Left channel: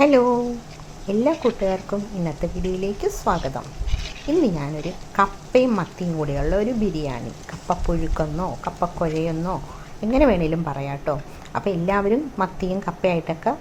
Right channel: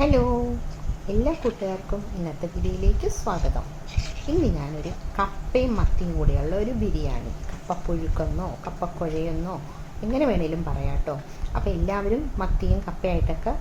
Hello, എല്ലാ കൂട്ടുകാർക്കും ഇന്നത്തെ വീഡിയോയിലേക്ക് സ്വാഗതം. ഇന്ന് ഞാനൊരു കപ്പയും മത്തിയും കൂടിയുള്ള ഒരു ബിരിയാണി, കപ്പപ്പുഴുക്കെന്നോ കപ്പക്കുഴയെന്നോ എങ്ങനെ വേണേലും പറയാം കേട്ടോ. അപ്പോൾ എല്ലാവരും മത്തിയും കപ്പയായിട്ടൊക്കെ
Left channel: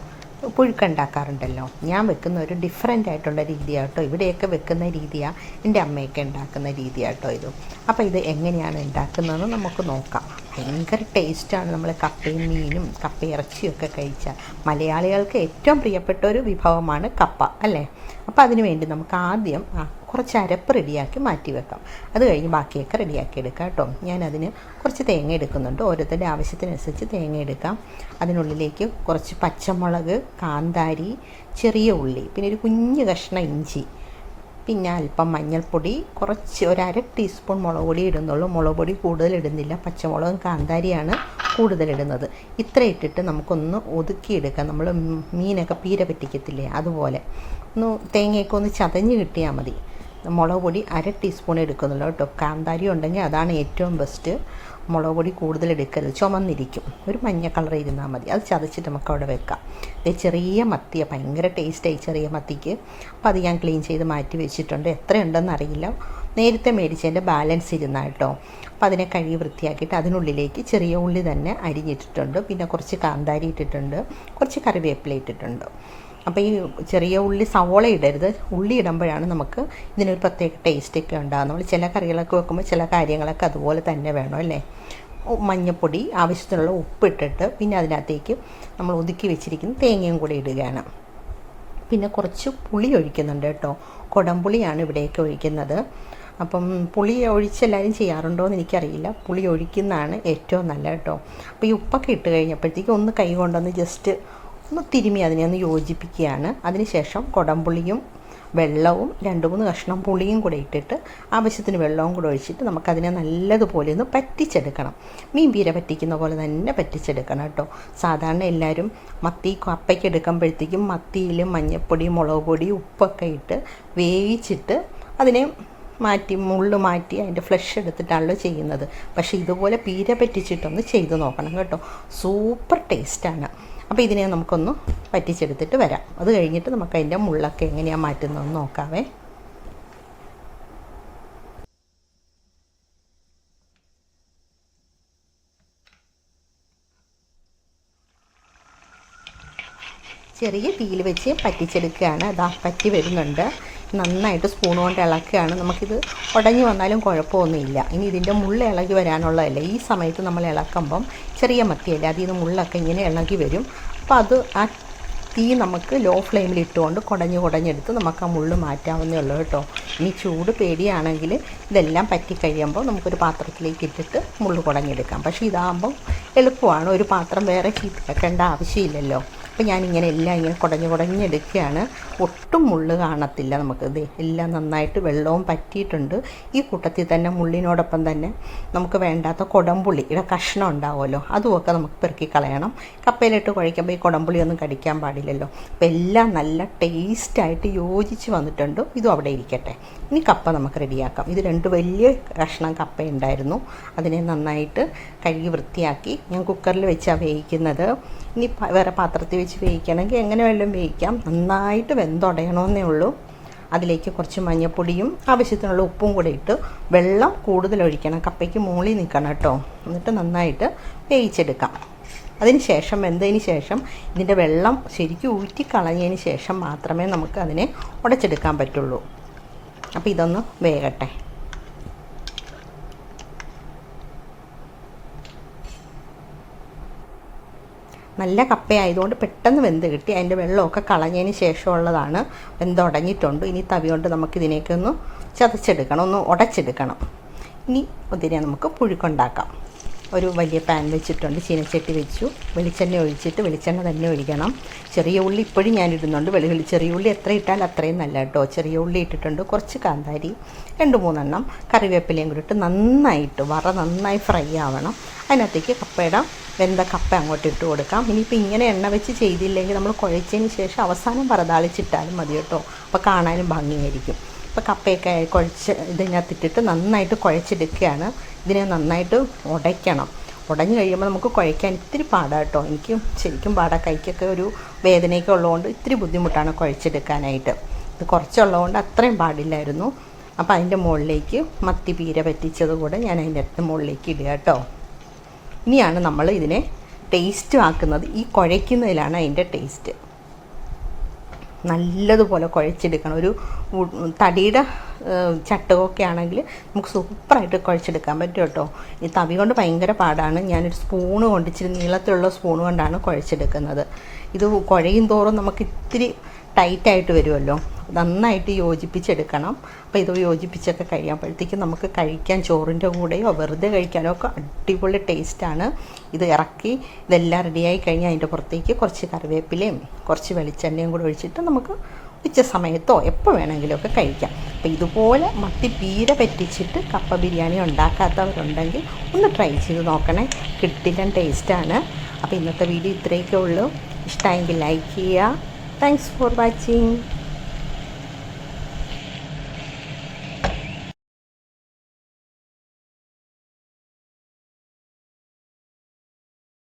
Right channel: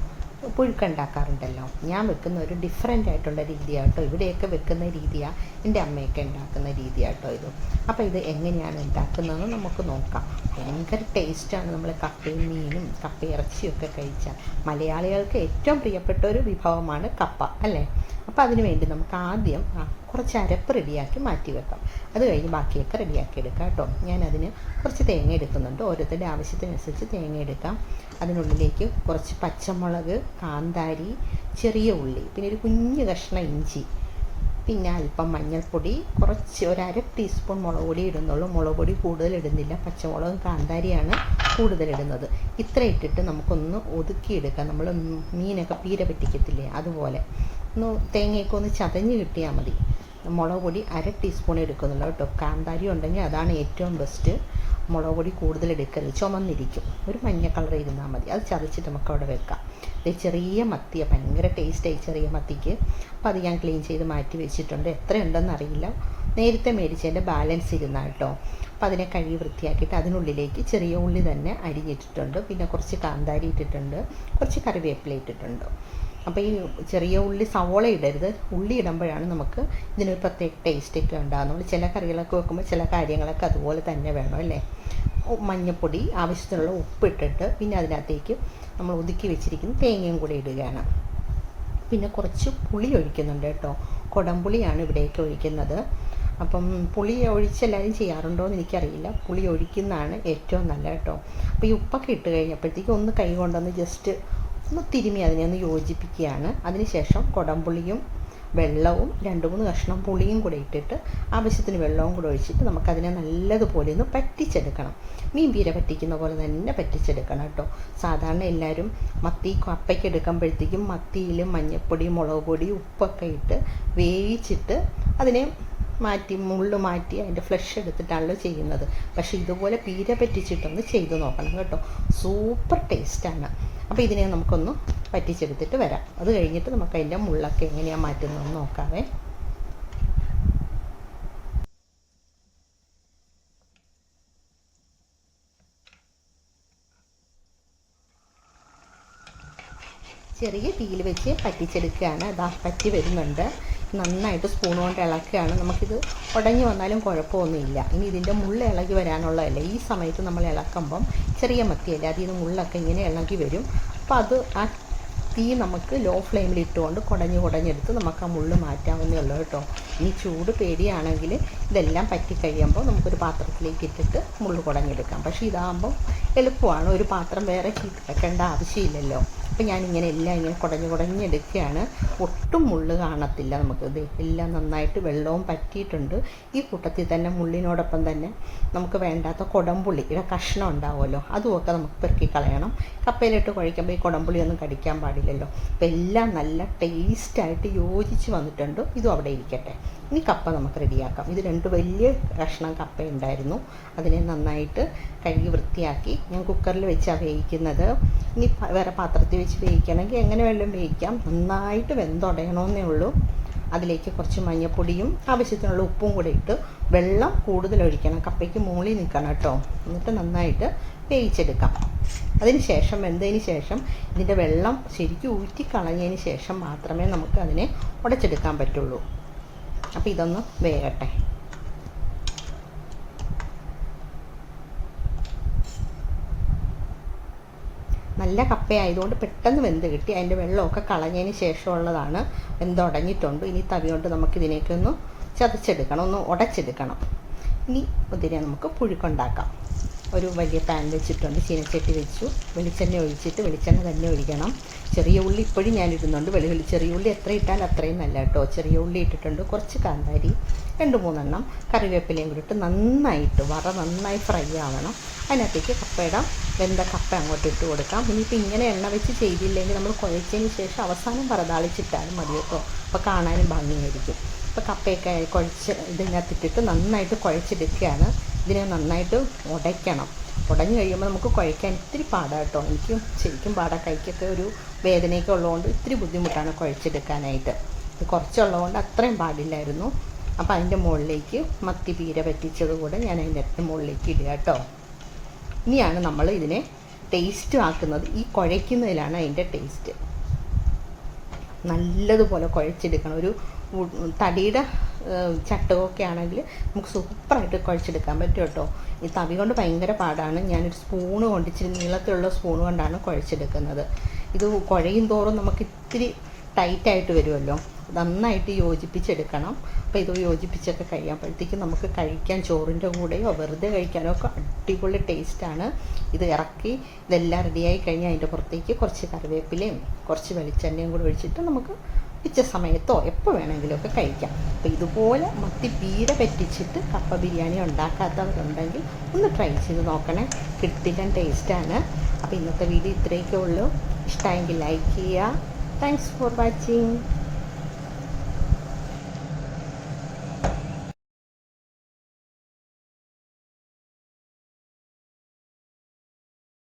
പുഴുക്കുണ്ടാക്കാറുണ്ടല്ലോ. ഞാൻ വെക്കുന്ന ഒരു ഡിഫറെൻ്റ് ആയിട്ടുള്ള രീതിയാണ് കേട്ടോ. ഇവിടെയൊക്കെ വെക്കുന്ന രീതിയാണ് എൻ്റെ അമ്മയൊക്കെ ഉണ്ടാക്കുന്ന രീതിയാണ് കേട്ടോ ഇത്. അപ്പോൾ ഇത് എങ്ങനെയാണ് ഉണ്ടാക്കുന്നതെന്ന് നമുക്ക് നോക്കാം. ഭയങ്കര ടേസ്റ്റാണ്. നമ്മൾ കപ്പയും മീനും കപ്പയിറച്ചിയൊക്കെ കഴിച്ചാൽ മലയാളികൾക്ക് ഏറ്റവും പ്രിയപ്പെട്ട ഒരു വിഭവമാണ് കപ്പ അല്ലേ. അപ്പോൾ അതിന് വേണ്ടി നമുക്ക് ആദ്യം കുറച്ച് അരപ്പ് റെഡിയാക്കി മാറ്റി വെക്കാം. അത് കഴിഞ്ഞ് ബാക്കിയൊക്കെ റെഡിയാക്കി എടുക്കാം കേട്ടോ. ഞാനതിന് കുറച്ച് തേങ്ങ എടുക്കുന്നുണ്ട്. ഓരോരുത്തരുടെ ആവശ്യത്തിനനുസരിച്ച് തേങ്ങ എടുക്കാം. അതിനുള്ളിലേക്ക് കുറച്ച് പച്ചമുളക്, കാന്താരി, ചെറിയ ഉള്ളി, പിന്നെ ഒരു കുഞ്ഞ് കഷ്ണം ഇഞ്ചി, പിന്നെ അല്പം മഞ്ഞൾപ്പൊടി, കുറച്ച് ഒരു അര ടീസ്പൂൺ മുളക് പൊടി ഇടുന്നുള്ളൂ. മുളക് പൊടി കൂടുതൽ ഇടുന്നില്ല, പച്ചമുളകും കാന്താരിയാണ് കൂടുതലിടുന്നത്. ഇത്ര ഇട്ടിട്ട് നമുക്കൊന്ന് ഒതുക്കിയെടുക്കാം. നമ്മൾ മീനൊക്കെ പീര പറ്റിക്കത്തില്ലേ, അതുപോലെ ഒന്ന് തേങ്ങയൊക്കെ ഒന്ന് ചതഞ്ഞ് കിട്ടിയാൽ മതി. മുളക് പൊടി അര ടീസ്പൂൺ എടുക്കുന്നുള്ളൂ കേട്ടോ. കാന്താരി ഉണ്ടെങ്കിൽ അതാണ് ഏറ്റവും ബെസ്റ്റ്. മുളക് പൊടി കൂടുതൽ എടുക്കരുത്, ചുമന്നിരിക്കും. ഒരു മഞ്ഞ കളർ ഇരുന്നാൽ മതി. അത് ചതച്ചിട്ട് നമുക്ക് അവിടെ വെക്കാം. ചെറിയ മത്തിയാണ്, ഭയങ്കര ടേസ്റ്റായി ചെറിയ മത്തിക്ക്. അപ്പോൾ അത് ഞാൻ ക്ലീൻ ചെയ്ത് മാറ്റി വെച്ചിട്ടുണ്ട്. എത്രയുണ്ടെന്ന് അറിയില്ല, നേരത്തെ മേടിച്ചതിൻ്റെ ബാലൻസ് ഇരുന്ന കേട്ടോ. അപ്പോൾ അതിനെ കഴുകി വൃത്തിയാക്കിയിട്ട് അതിനുള്ളിലേക്ക് ചെറിയ ഉള്ളി തന്നെ അരിഞ്ഞിട്ടിട്ടുണ്ട്. പിന്നെ കുറച്ച് കാന്താരി ഇട്ടിട്ടുണ്ട്, കുറച്ച് കറിവേപ്പില ഇട്ടിട്ടുണ്ട്. അപ്പോൾ ഈ ചെറിയ ഉള്ളി, സവോള ഇടരുത്. ഉള്ളി ഇടുമ്പോഴാണ് നമുക്ക് ഇതിനൊരു പ്രത്യേക ടേസ്റ്റൊക്കെ ഉണ്ടാകും. നമ്മൾ ചില കറികളൊക്കെ വെക്കുമ്പോൾ ചില കാര്യങ്ങളൊക്കെ അതുപോലെ തന്നെ വേണം അല്ലേ. മഞ്ഞൾപ്പൊടി, ആവശ്യത്തിനുള്ള ഉപ്പിട്ടിട്ട് പിന്നെ അതിനകത്തേക്ക് നമ്മൾ ഒതുക്കി വെച്ചിരിക്കുന്ന തേങ്ങയും കൂടി ഇടുകയാണ്. പിന്നെ കുറച്ച് പുളി ഒഴിക്കുന്നുണ്ട് കേട്ടോ. കുടംപുളിയാണ് ഇവിടേക്ക് ഒഴിക്കുന്നത്. അപ്പം പുളി ഒഴിച്ചെല്ലാവരും ചെയ്യാറുണ്ടോ എന്ന് എനിക്കറിയില്ല. പുളി ഒഴിക്കുന്നതാണ് ഏറ്റവും നല്ല കേട്ടോ. അപ്പോൾ ഈ ഉപ്പൊക്കെ ഇട്ട് കഴിഞ്ഞപ്പോഴത്തേക്കും ഒന്ന് കൈ കൊണ്ടൊന്ന് ജസ്റ്റ് ഒന്ന് തിരുമ്മി അതിനെ ഒന്ന് യോജിപ്പിക്കുകയാണ്. അതിനുശേഷം കുടംപുളിയും വെള്ളവും 2-3 കഷ്ണം പുളിയും കൂടെ ഇട്ടിട്ട് ആവശ്യത്തിന് വെള്ളവും കൂടെ ഒഴിച്ചിട്ട് നമുക്കതിനെ നല്ലതുപോലെ ഒന്ന് പറ്റിച്ചെടുക്കണം. മീൻ പീര പറ്റിക്കുന്ന പോലെ തന്നെ പറ്റിച്ചെടുക്കണം കേട്ടോ. സാധാരണ എല്ലാവരും മത്തി കപ്പയ്ക്ക് എടുക്കുമ്പോഴത്തേക്കും മത്തിയിൽ മഞ്ഞൾപ്പൊടി, മുളക് പൊടി, ഉപ്പൊക്കെ ഇട്ട് വേവിച്ചിട്ട് അതിനെ മുള്ള് മാറ്റി അതിൻ്റെ ഫ്ലഷ് എടുത്തിട്ടാണല്ലോ ചെയ്യുന്നത്. പക്ഷേ ഇതുപോലെ പീര പറ്റിച്ചിട്ടൊന്ന് ചെയ്ത് നോക്കണം കേട്ടോ. സൂപ്പർ ടേസ്റ്റാണ്. അപ്പോൾ ഇതിനെ നമുക്കൊന്ന് പറ്റിച്ചെടുത്തിട്ട് വരാം. അത് കഴിഞ്ഞിട്ട് നമുക്ക് അതിൻ്റെ മുള്ളൊക്കെ എങ്ങനെയാണ് മാറ്റുന്നതെന്ന് നോക്കാവേ. ചെറിയ തീയിൽ വെച്ച് പറ്റിച്ചെടുക്കുകയാണ്. അതാ പറ്റി വരുന്നുണ്ട്. നന്നായിട്ട് സ്പൂൺ കൊണ്ട് ഇളക്കുകയാണ്. നമുക്കിത് ഉടഞ്ഞു വന്നാലും കുഴപ്പമൊന്നുമില്ല. ഇനി ഇതിൻ്റെ മുള്ള ഇളകി വരാനുള്ളതല്ല. ഈ സമയത്ത് നമ്മൾ ഇളക്കുമ്പം ചെറിയ മത്തിയല്ലേ, അതിൽ നിന്ന് മുള്ളൊക്കെ ഇങ്ങനെ ഇളകി വരും. അപ്പോൾ അത് ആ തീ നമുക്ക് ലോ ഫ്ലെയിമിൽ ഇട്ടുകൊണ്ട് കുടഞ്ഞെടുത്ത് നമുക്ക് ആ മുള്ള് മാറ്റാവുന്നേ ഉള്ളൂ കേട്ടോ. ഇനി ചൂട് പേടിയാണെങ്കിൽ ഇതെല്ലാം പറ്റി കഴിയുമ്പോൾ നമുക്കൊരു പാത്രത്തിലേക്ക് ഇട്ടിട്ട് മുള്ള് കുടഞ്ഞെടുക്കാം. പക്ഷേ ഇതാകുമ്പം എളുപ്പമാണ്. ഒരു പാത്രം വേറെ വെക്കേണ്ട ആവശ്യമില്ലല്ലോ. അപ്പോൾ ഞാനിങ്ങനെ എല്ലാം ഇങ്ങനെ കുടഞ്ഞെടുക്കുകയാണ്. ഒട്ടും മുള്ള് കാണത്തില്ല നമുക്ക്. ഇത് എല്ലാം നന്നായിട്ട് വെള്ളവും പറ്റിയിട്ടുണ്ട്. ഈ കൂട്ടത്തിൽ തന്നെ മുള്ളിനോടൊപ്പം തന്നെ നമുക്ക് വേണ്ടാത്ത കുടംപുളിയുടെ കഷ്ണം ഉണ്ടാവുമല്ലോ, അതുമൊക്കെ നമുക്ക് പെറുക്കി കളയണം. കപ്പയിലിട്ട് കുഴയ്ക്കുമ്പോൾ ഈ കുടംപുളി ഒന്നും കടിക്കാൻ പാടില്ലല്ലോ. അപ്പോൾ എല്ലാം നല്ല ടേസ്റ്റായിട്ട് യോജിച്ച് വന്നിട്ടുണ്ട്. ഇതും അവിടെ ഇരിക്കട്ടെ. ഇനി കപ്പ നമുക്ക് റെഡിയാക്കാം. ഇത് 2 വലിയ കഷ്ണം കപ്പ ഉണ്ടായിരുന്നു. അതിനെ നന്നായിട്ട് കഴുകി വൃത്തിയാക്കി ഞാൻ കുക്കറിൽ വെച്ചാണ് വേവിക്കുന്നത്. ഇനി വേറെ പാത്രത്തിൽ വെച്ച് വേവിക്കണമെങ്കിൽ എങ്ങനെ വല്ലതും വേവിക്കാം. നന്നായിട്ട് വെന്തുടയണമെന്നേ ഉള്ളൂ. അതിലേക്ക് കുറച്ച് മഞ്ഞൾപ്പൊടിയും ആവശ്യത്തിനുള്ള ഉപ്പും കൂടെ ഇട്ട് വെള്ളം കൂടുതൽ ഒഴിക്കണം. കപ്പയ്ക്ക് മുകളിൽ നിൽക്കണം കേട്ടോ. എന്നിട്ട് നന്നായിട്ട് വേവിച്ചെടുക്കാം. അതിന് ശേഷം വെന്തതിന് ശേഷം ഇതിൻ്റെ വെള്ളം ശരിക്കും ഊറ്റിക്കളഞ്ഞതിന് ശേഷം മാത്രമേ നമുക്ക് അതിനെ ഉടച്ചെടുക്കാൻ പറ്റുള്ളൂ. അപ്പോൾ ഇതൊന്ന് വേകട്ടെ. നല്ല കപ്പയായതുകൊണ്ട് പെട്ടെന്ന് വെന്ത് കിട്ടി. അതിൻ്റെ വെള്ളമൊക്കെ കളഞ്ഞതിന് ശേഷമുള്ളതാണ്. വെന്തുടഞ്ഞിട്ടുണ്ട്. ഇനി തവി കൊണ്ട് നമുക്കിതിനേക്കൊന്ന് ചതച്ചെടുക്കണം, ഒന്ന് ഉടച്ചെടുക്കണം. ഇനി ഇതിനെ നമുക്ക് പുഴുക്കുണ്ടാക്കാം. ഒരു വലിയ പാൻ വെച്ചിട്ടുണ്ട്, ചീനച്ചട്ടി വെച്ചു. വെളിച്ചെണ്ണ ഒഴിച്ചിട്ട് വെളിച്ചെണ്ണ തന്നെ ഒഴിക്കണം. ചെറിയ ഉള്ളി ഇപ്പോഴും ഞാൻ ഇടുന്നുണ്ട്. ചെറിയ ഉള്ളി എത്ര ഇട്ടാൽ അത്രയും നല്ല കേട്ടോ. ചെറിയ ഉള്ളി ഇട്ടിട്ടുണ്ട്. കുറച്ച് കാന്താരി, 2-3 എണ്ണം കറിവേപ്പിലയും കൂടി ഇട്ട് നന്നായി ഫ്രൈ ആവണം. അതിനകത്തേക്ക് കപ്പയുടെ വെന്ത കപ്പ അങ്ങോട്ട് ഇട്ട് കൊടുക്കാം. ഇനിയിപ്പോൾ ഇങ്ങനെ എണ്ണ വെച്ച് ചെയ്തില്ലെങ്കിൽ നമ്മൾ കുഴച്ചതിന് ശേഷം അവസാനം വറതാളിച്ചിട്ടാലും മതി കേട്ടോ. അപ്പോൾ കാണാനും ഭംഗിയായിരിക്കും. അപ്പോൾ കപ്പയൊക്കെ ഇതിനകത്തിട്ടിട്ട് നന്നായിട്ട് കുഴച്ചെടുക്കുകയാണ്. ഇതിനെ നന്നായിട്ട് ഉടയ്ക്കണം. ഉടഞ്ഞ് കഴിയുമ്പോൾ നമുക്ക് കുഴയ്ക്കാൻ ഇത്തിരി പാടാണ് കേട്ടോ. എനിക്ക് ശരിക്കും പാടാ, കൈക്കൊക്കെ ഒരു വേദനയൊക്കെ ഉള്ളതുകൊണ്ട് ഇത്തിരി ബുദ്ധിമുട്ടാണ് കുഴച്ചെടുക്കാനായിട്ട്. ഇത് കുറച്ചുള്ളതുകൊണ്ട് അത്രയും പാടില്ലായിരുന്നു. അപ്പോൾ അതിൻ്റെ മുകളിലേക്ക് മത്തി പീര പറ്റിച്ചത് കൂടെ ഞാൻ അതിൻ്റെ മുകളിലേക്ക് ഇടുക കേട്ടോ. ഇനിയാണ് നമ്മൾ ഇതിനെ ടേസ്റ്റ് ആക്കുന്നത്. ഈ കുഴയ്ക്കുന്നതിലാണ് അതിൻ്റെ ടേസ്റ്റ്. നല്ലതുപോലെ കുഴച്ചെടുക്കണം. ഒരു തടിയുടെ ചട്ടകമൊക്കെ ആണെങ്കിൽ നമുക്ക് സൂപ്പറായിട്ട് കുഴച്ചെടുക്കാൻ പറ്റും കേട്ടോ. ഈ തവി കൊണ്ട് ഭയങ്കര പാടാണ്. ഞാനൊരു സ്പൂണ് കൊണ്ട്, ഇച്ചിരി നീളത്തിലുള്ള സ്പൂണ് കൊണ്ടാണ് കുഴച്ചെടുക്കുന്നത്. ഇത് കുഴയും തോറും നമുക്ക് ഇത്തിരി ടൈറ്റായിട്ട് വരുമല്ലോ, നന്നായിട്ട് യോജിപ്പിച്ചെടുക്കണം. അപ്പോൾ ഇത് യോജിപ്പിച്ചൊക്കെ കഴിയുമ്പോഴത്തേക്കും നമുക്ക് കഴിക്കാൻ ചോറിൻ്റെ കൂടെയോ വെറുതെ കഴിക്കാനോ ഒക്കെ അടിപൊളി ടേസ്റ്റാണ്. ഇത് ഇറക്കി ഇതെല്ലാം റെഡിയായി കഴിഞ്ഞാൽ അതിൻ്റെ പുറത്തേക്ക് കുറച്ച് കറിവേപ്പിലയും കുറച്ച് വെളിച്ചെണ്ണയും കൂടെ ഒഴിച്ചിട്ട് നമുക്ക് ഉച്ച സമയത്തോ എപ്പോൾ വേണമെങ്കിലുമൊക്കെ കഴിക്കാം. അപ്പോൾ ഇതുപോലെ മത്തി പീര പറ്റിച്ചിട്ട് കപ്പ ബിരിയാണി ഉണ്ടാക്കാത്തവരുണ്ടെങ്കിൽ ഒന്ന് ട്രൈ ചെയ്ത് നോക്കണേ. കിട്ടില്ല ടേസ്റ്റാണ്. അപ്പോൾ ഇന്നത്തെ വീഡിയോ ഇത്രയൊക്കെ ഉള്ളൂ. ഇഷ്ടമായെങ്കിൽ ലൈക്ക് ചെയ്യുക. Thanks for watching.